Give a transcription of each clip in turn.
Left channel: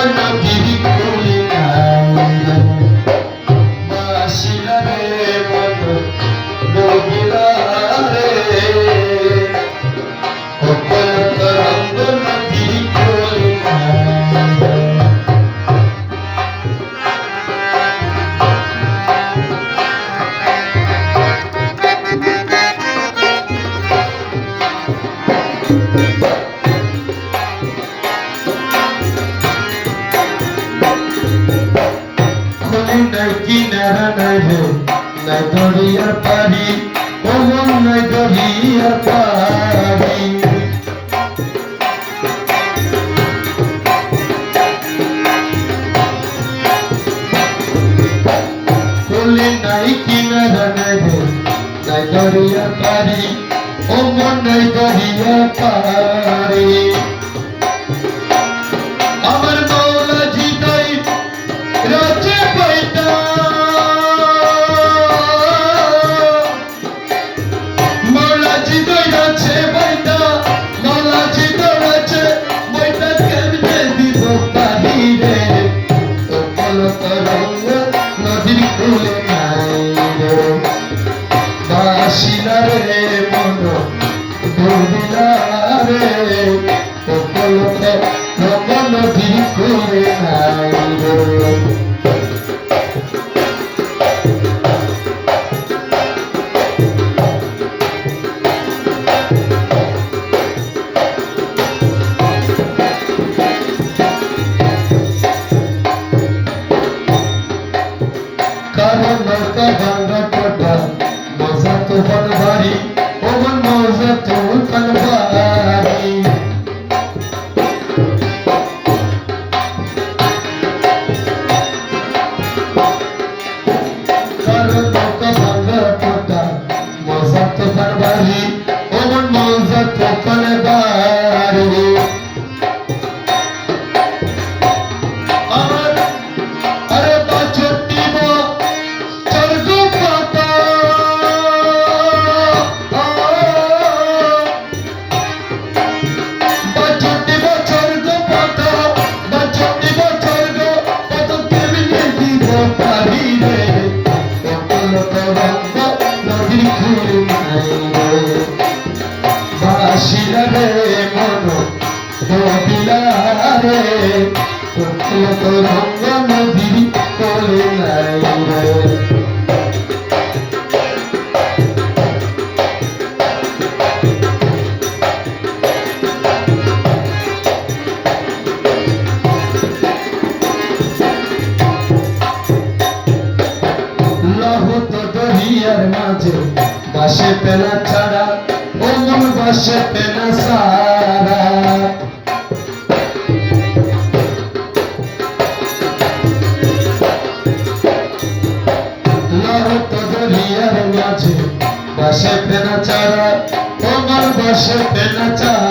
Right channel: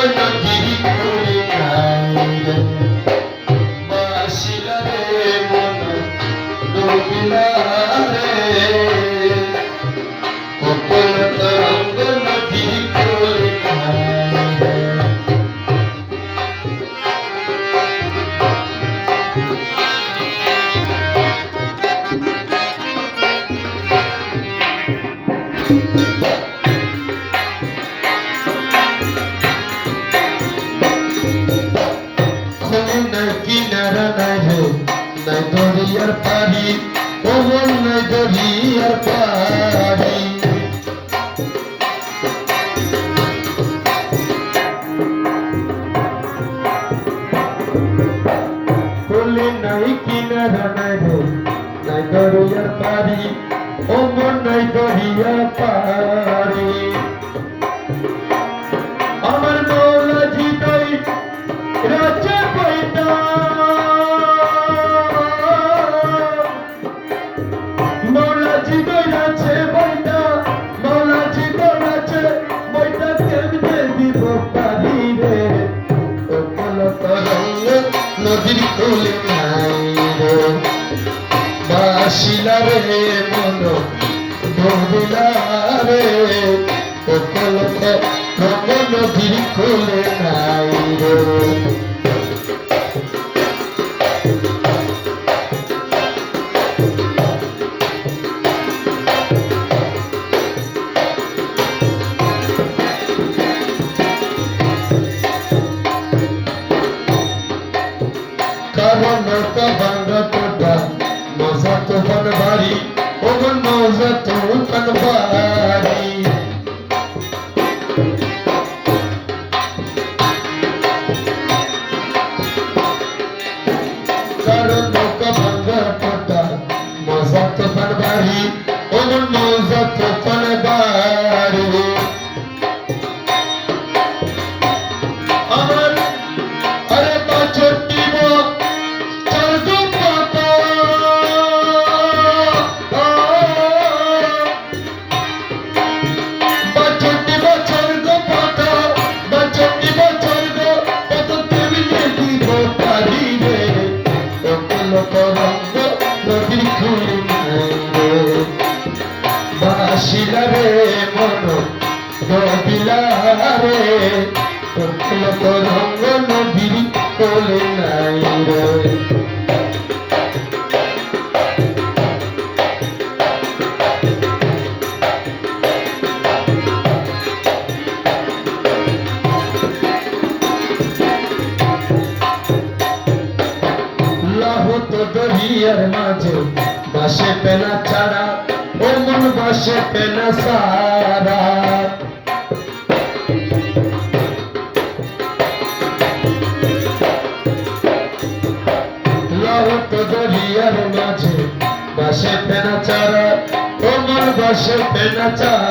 নদীর কুলে নাই দরিয়ার পারি ওমন নাই দরিয়ার পারি। খুলি নাই কিনারা রে আমার মৌলা জিতাই রাজে পয়দা। দৌড়িলা রে ও কলত রঙ নদীর কুলে নাই রে। কারণ নৌকা ভাঙ্গা টোটা মজা তো বাড়ি। ও মজা তো বাড়ি বাসিলা রে মন দবিলা রে কোকিল তরঙ্গ নদীর কোলে নাই রে। তো দরিয়ার মাঝে পেনা ছাড়া ও বসে বাসে সারা। বাসে পেনা চারা ও বসে পেনা ছাড়া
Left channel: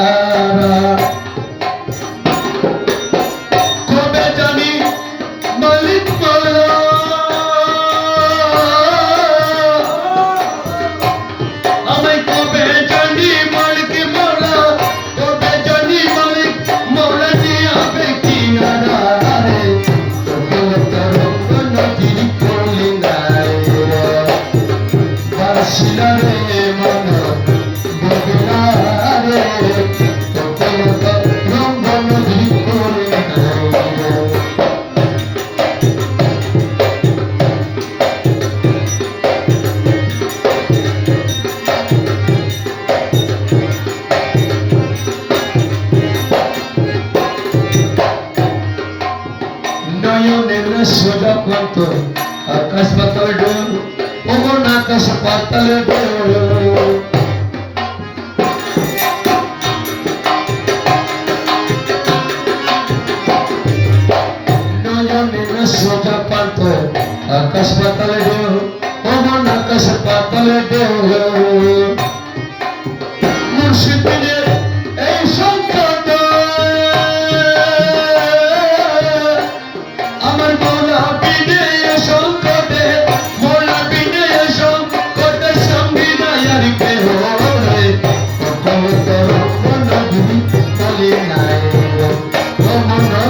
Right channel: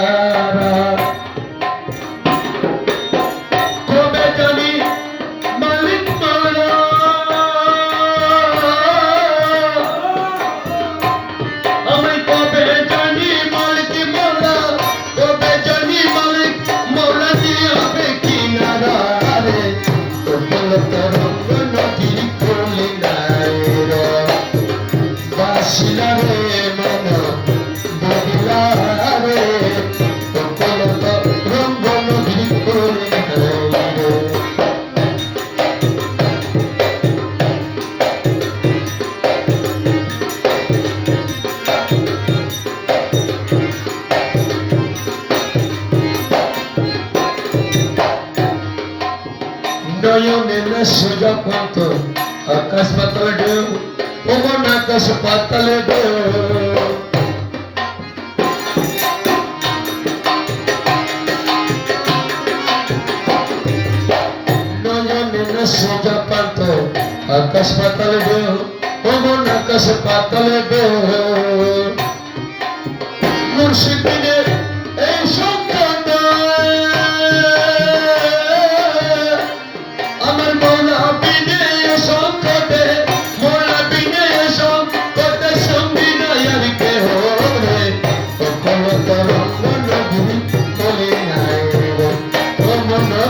পন্ত আকাশ পাতালে ঢেউ ওমন আকাশ পাতালে ঢেউ। আকাশ পাতালে ঢেউ ওমন আকাশ পাতালে ঢেউ।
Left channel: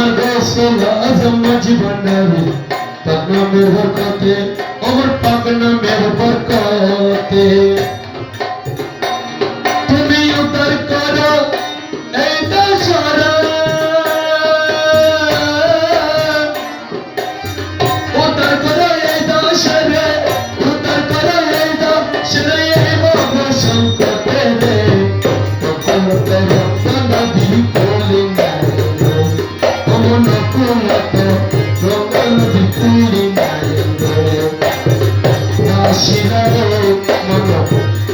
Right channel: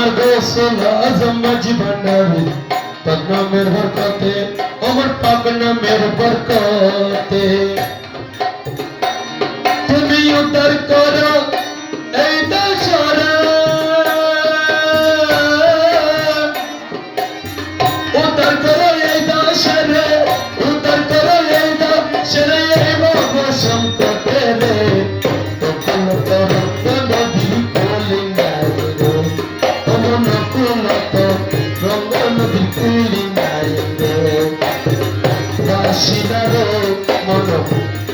Magazine az a maji banavi Pakna mer barkate Omar pakna mer barkate